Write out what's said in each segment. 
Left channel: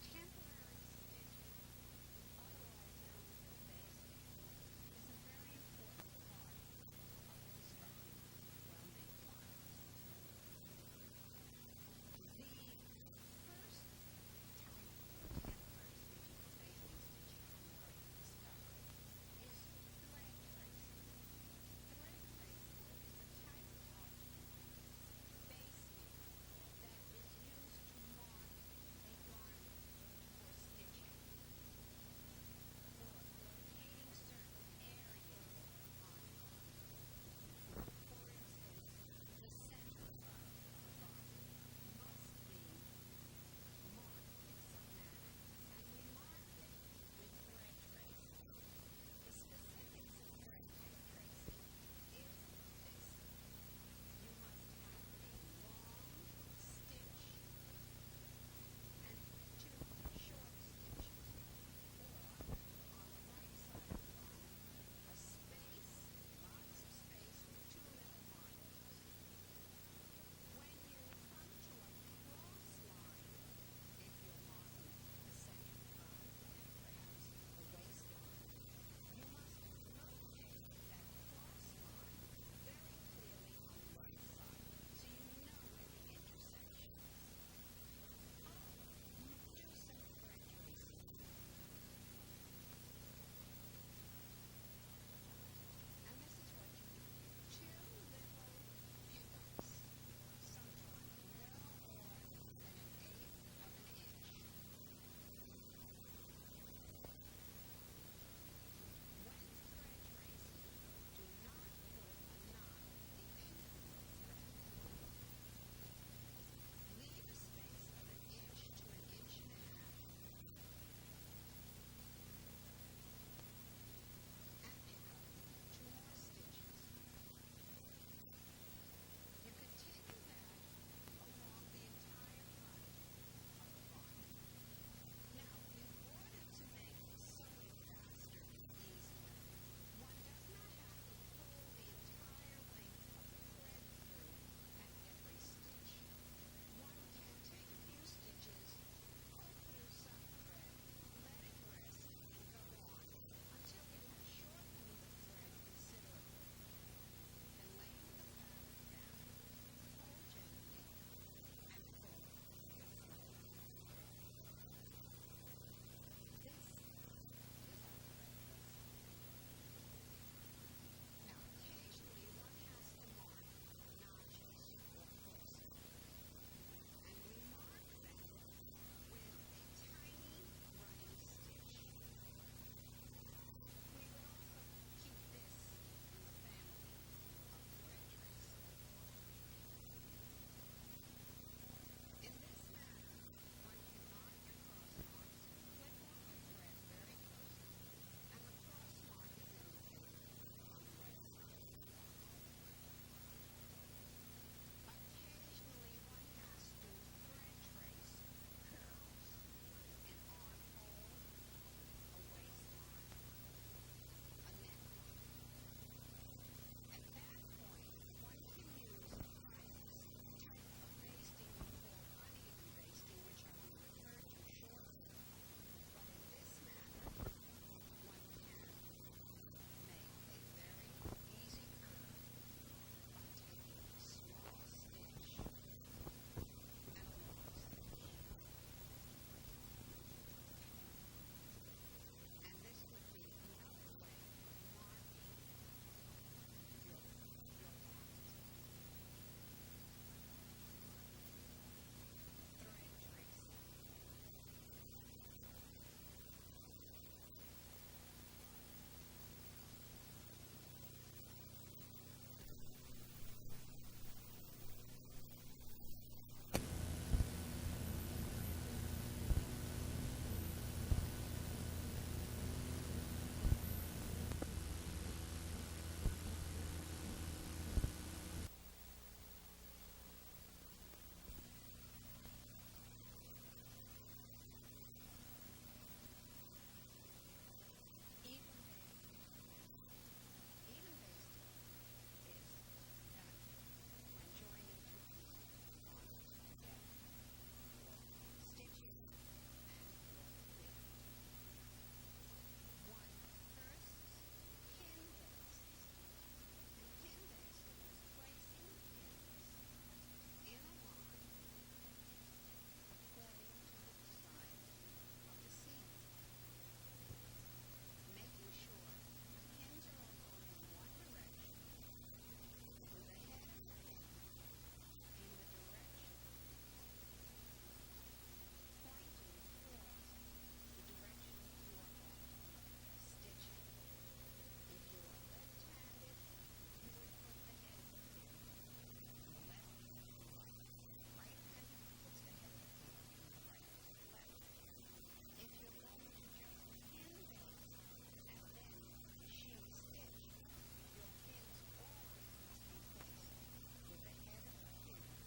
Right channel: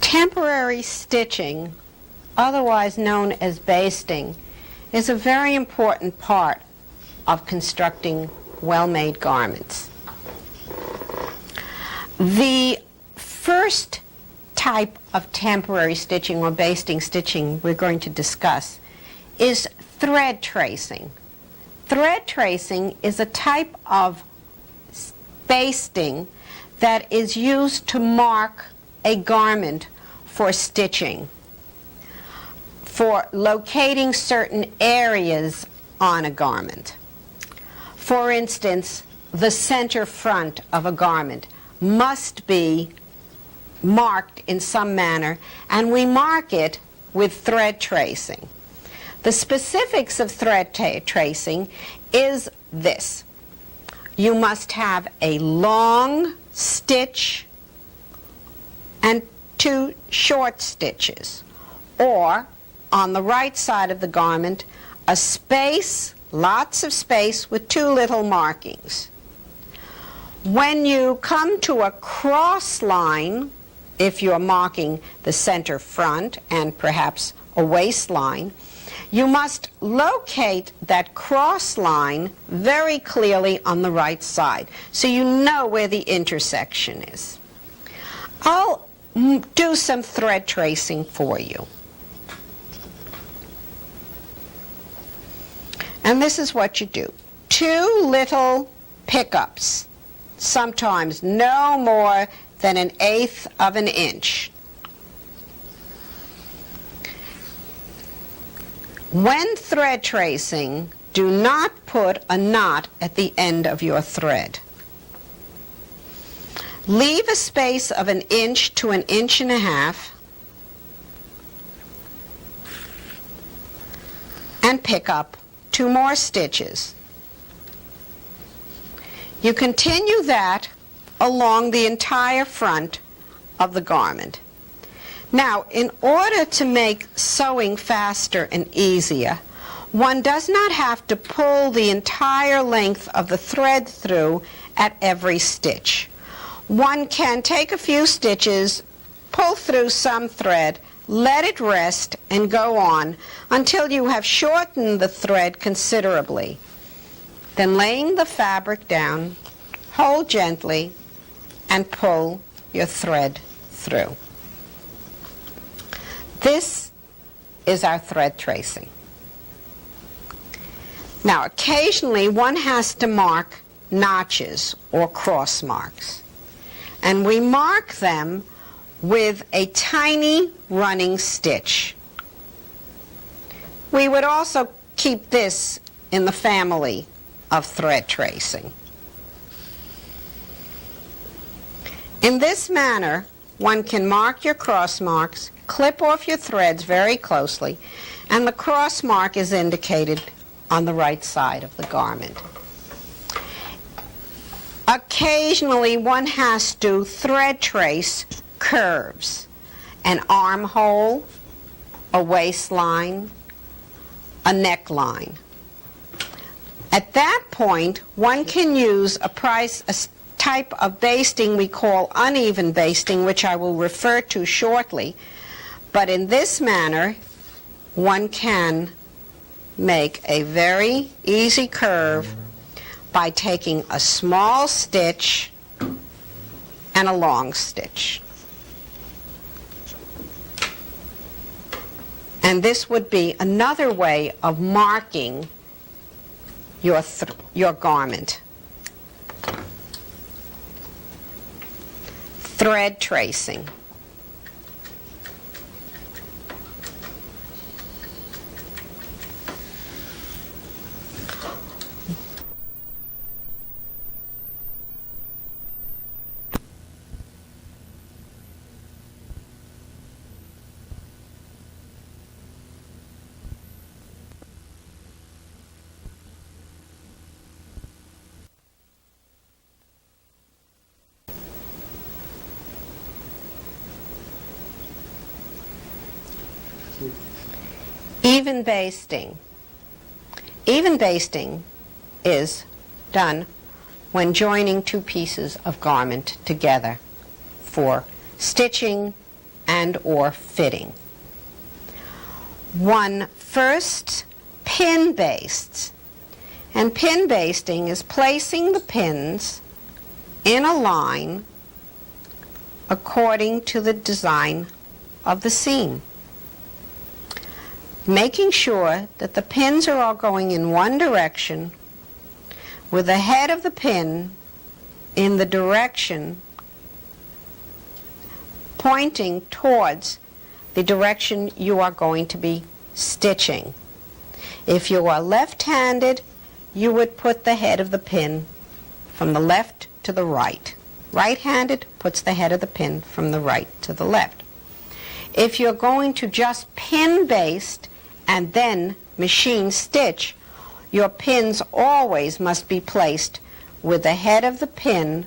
Temporary stitching, otherwise known as basting, is a very important part of constructing well-made garments. The first type of temporary stitching or basting stitching we're going to discuss is thread tracing. Thread tracing is a type of basting that is used to mark a garment for stitching, for locating certain areas on a garment. For instance, the center front of a garment must be marked in some manner, and we mark it with thread tracing. The specifics of thread tracing is this. You must have a long stitch and 2 short stitches, or on the right side of the garment, a space, lots of space with 2 little markings. When you come to a cross line, if you're marking the center front and perhaps a waistline, you must locate that cross line very clearly on the right side, so you know where the intersection is. I'll do some thread tracing for you. And this is what you do. 2 little pickups, sometimes no more than 1/8 of an inch. When thread tracing, do not put a knot at the end of your thread. Leave a space of 1 inch to 1.5 inches and pick up 2 more stitches. You continue that along the entire front of the garment. Now, in order to make sewing faster and easier, one does not have to pull the entire length of the thread through at every stitch. One can take a few stitches, pull through some thread, let it rest, and go on until you have shortened the thread considerably. Then, laying the fabric down, hold gently and pull your thread through. This is our thread tracing. Now, occasionally one has to mark notches or cross marks, and we mark them with a tiny running stitch. We would also keep this in the family of thread tracing. In this manner, one can mark your cross marks, clip off your threads very closely, and the cross mark is indicated on the right side of the garment. Occasionally, one has to thread trace curves, an armhole, a waistline, a neckline. At that point, one can use a type of basting we call uneven basting, which I will refer to shortly. But in this manner, one can make a very easy curve by taking a small stitch and a long stitch. And this would be another way of marking your garment. Thread tracing. Even basting. Even basting is done when joining two pieces of garment together for stitching and or fitting. One first pin bastes, and pin basting is placing the pins in a line according to the design of the seam, making sure that the pins are all going in one direction with the head of the pin in the direction pointing towards the direction you are going to be stitching. If you are left-handed, you would put the head of the pin from the left to the right. Right-handed puts the head of the pin from the right to the left. If you're going to just pin baste and then machine stitch, your pins always must be placed with the head of the pin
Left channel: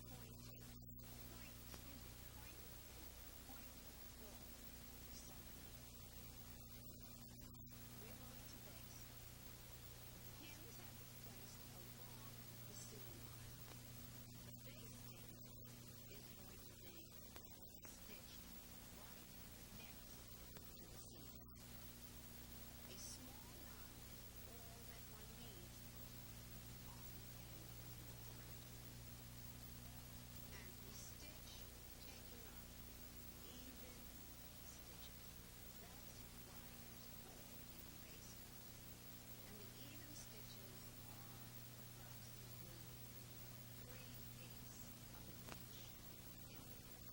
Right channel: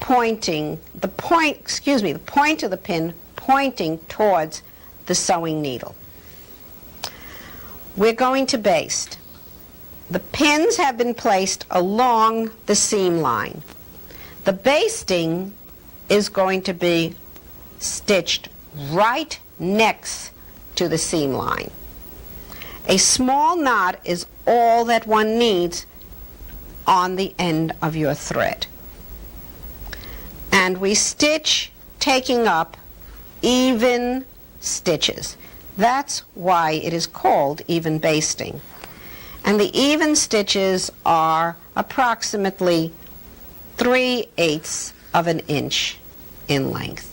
pointing, the point of the pin pointing towards the sewing needle. We're going to baste. The pins have been placed along the seam line. The basting is going to be stitched right next to the seam line. A small knot is all that one needs on the end of your thread. And we stitch taking up even stitches. That's why it is called even basting. And the even stitches are approximately 3/8 of an inch in length.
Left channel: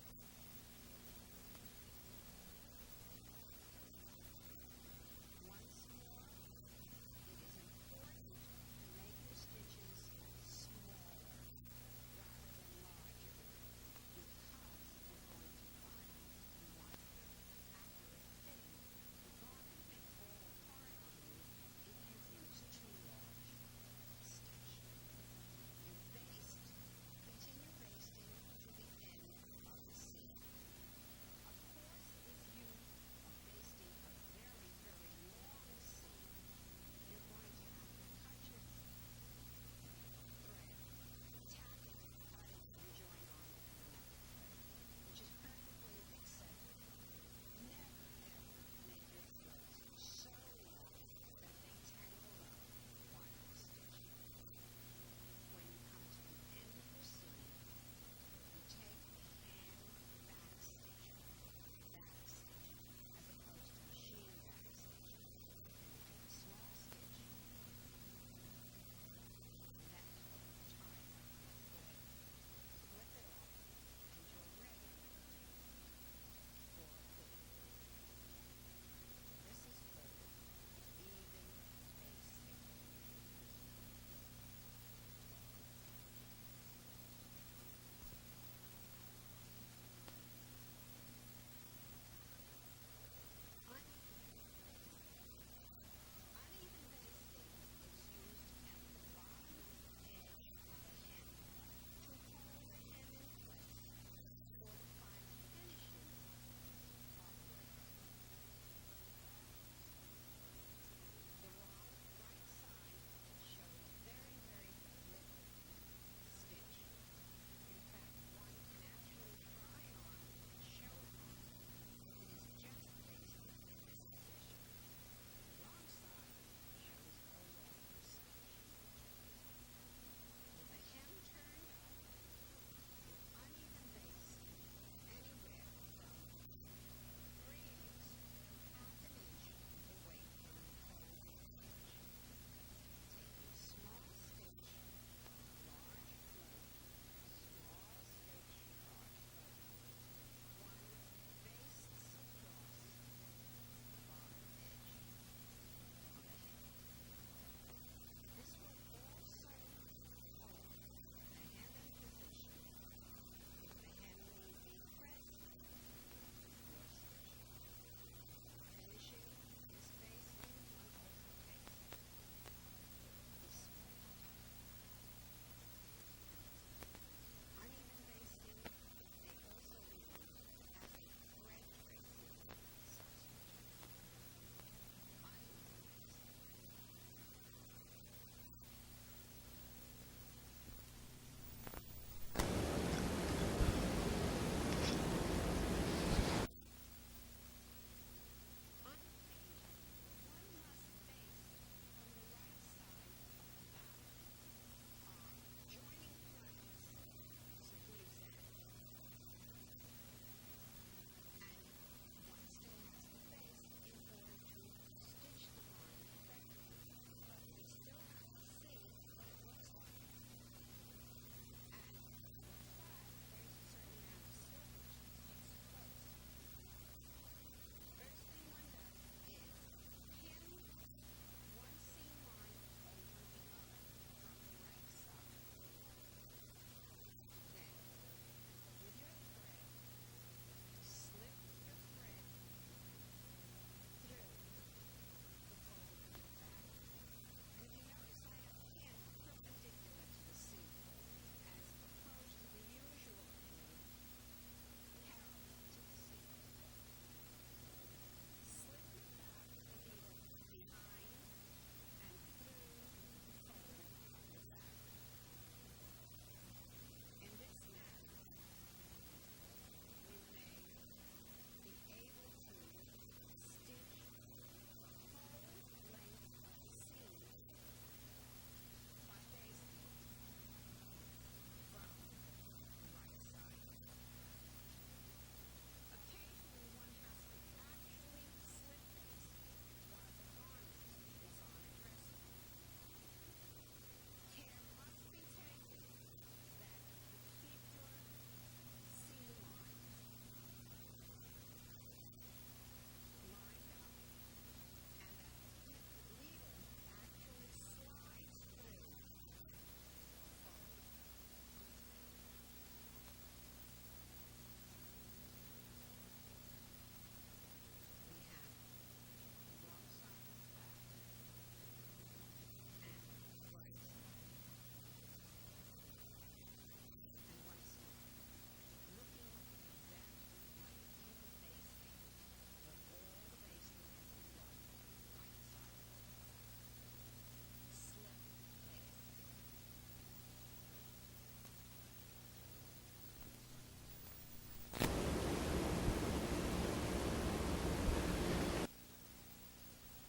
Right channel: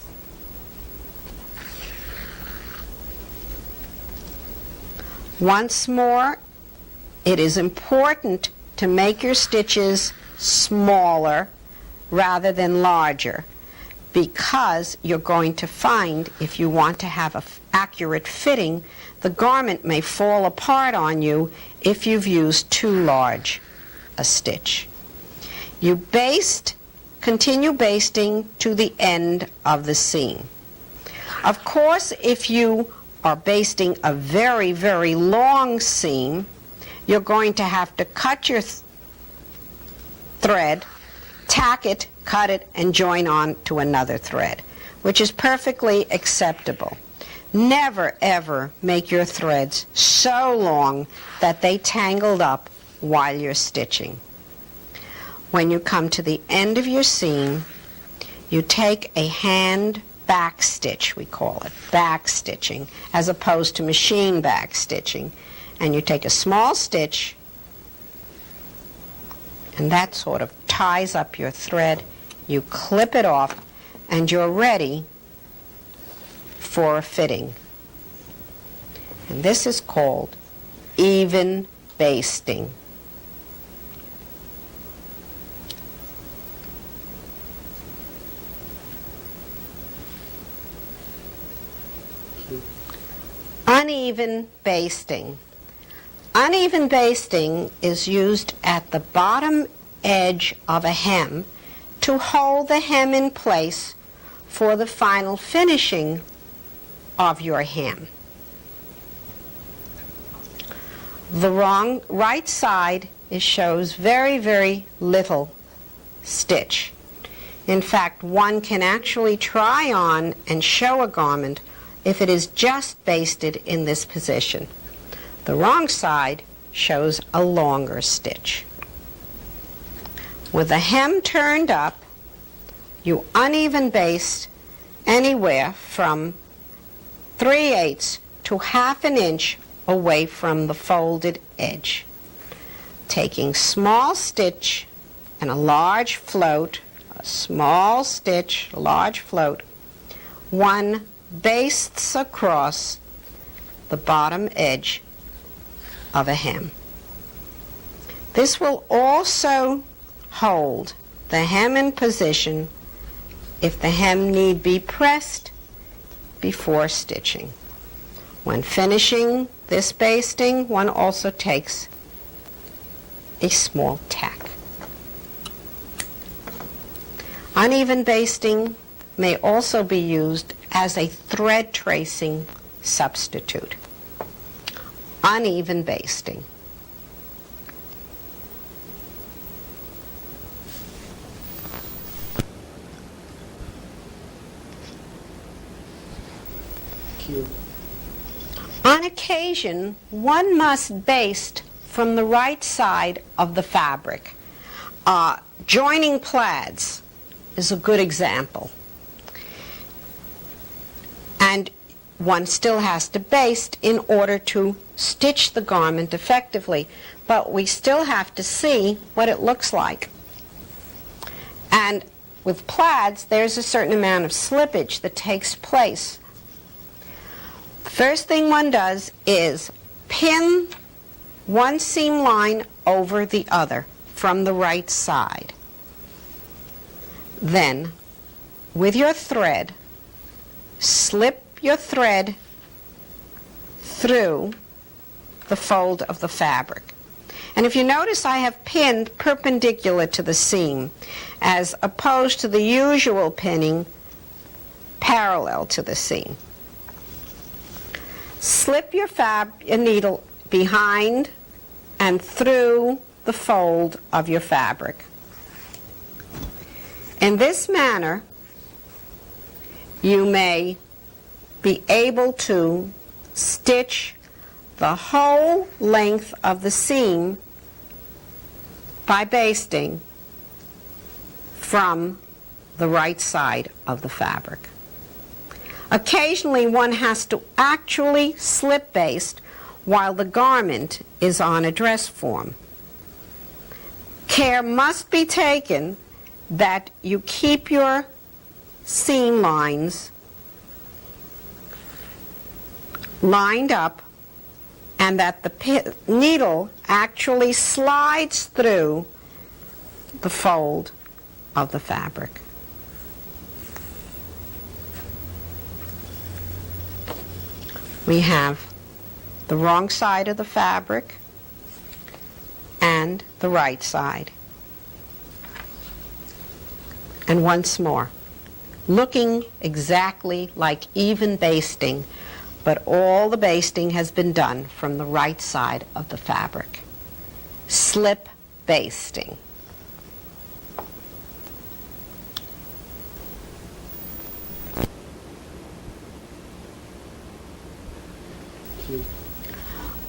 Once more, it is important to make your stitches smaller rather than larger, because you're going to find, if you want to have an accurate fitting, the garment may fall apart on you if you've used too large a stitch. You baste, continue basting to the end of the seam. Of course, if you are basting a very, very long seam, you're going to have to cut your thread, tack it, cut it, and join on to another thread, which is perfectly acceptable. Never, ever make your threads so long that they tangled up while you're stitching. When you come to the end of your seam, you take a hand back stitch, we call it, back stitching, as opposed to machine back stitching. And you take a small stitch, and that sort of ties up your thread. You clip it off, and you're ready for a fitting. And this is called even basting. Uneven basting. Uneven basting is used at the bottom edge of a hem to hold the hem in place for the final finishing of your hem. The right side shows very, very little stitch. In fact, one can actually try on and show a garment if it is just basted in this position. The wrong side shows a longer stitch. With the hem turned up, you uneven baste anywhere from 3/8 to 1/2 an inch away from the folded edge. Taking small stitch and a large float, a small stitch, a large float, one bastes across the bottom edge of a hem. This will also hold the hem in position if the hem need be pressed before stitching. When finishing this basting, one also takes a small tack. Uneven basting may also be used as a thread tracing substitute. uneven basting. On occasion, one must baste from the right side of the fabric. Joining plaids is a good example. And one still has to baste in order to stitch the garment effectively, but we still have to see what it looks like. And with plaids, there's a certain amount of slippage that takes place. The first thing one does is pin one seam line over the other from the right side. Then, with your thread, slip your thread through the fold of the fabric. And if you notice, I have pinned perpendicular to the seam, as opposed to the usual pinning parallel to the seam. Slip your needle behind and through the fold of your fabric. In this manner, you may be able to stitch the whole length of the seam by basting from the right side of the fabric. Occasionally, one has to actually slip baste while the garment is on a dress form. Care must be taken that you keep your seam lines lined up and that the needle actually slides through the fold of the fabric. We have the wrong side of the fabric and the right side. And once more, looking exactly like even basting, but all the basting has been done from the right side of the fabric. Slip basting.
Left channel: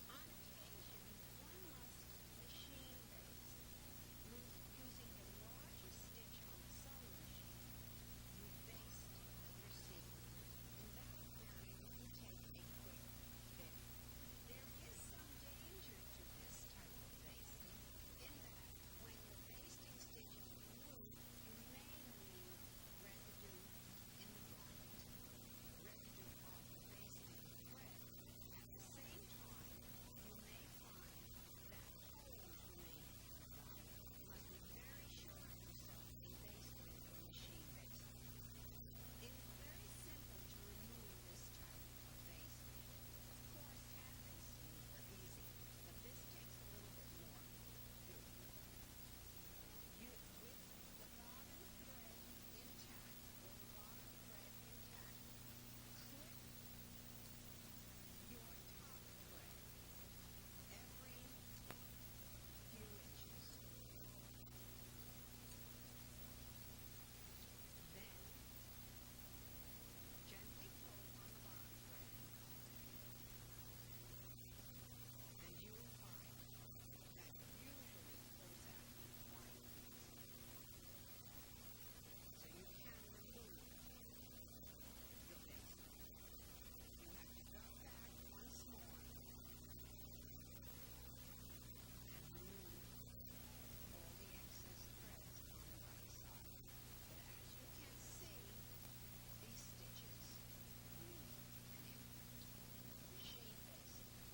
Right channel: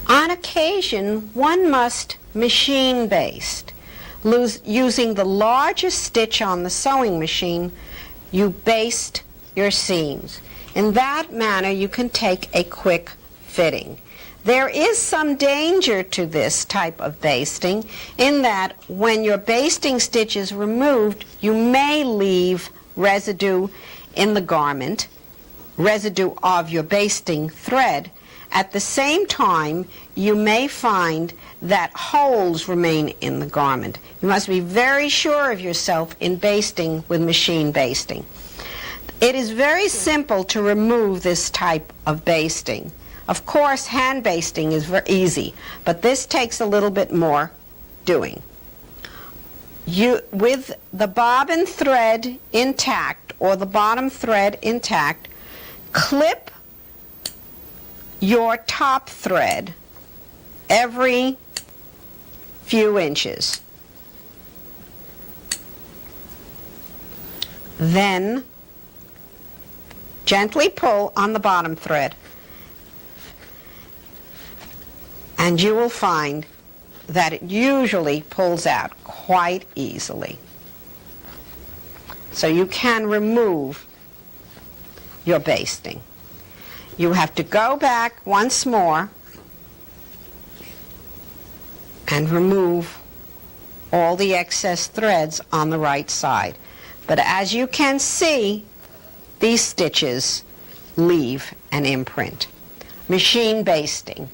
On occasion, one must machine baste. Using the largest stitch on the sewing machine, you baste your seams. In that manner, you can take a quick fitting. There is some danger to this type of basting in that when your basting stitch is removed, you may leave residue in the garment, residue of your basting thread. At the same time, you may find that holes remain in the garment. You must be very sure of yourself in basting with machine basting. It is very simple to remove this type of basting. Of course, hand basting is very easy, but this takes a little bit more doing. With the bobbin thread intact or the bottom thread intact, clip your top thread every few inches. Then gently pull on the bottom thread, and you will find that it usually pulls out quite easily. So you can remove your basting. You have to go back once more and remove all the excess threads on the right side. But as you can see, these stitches leave an imprint. Machine basting.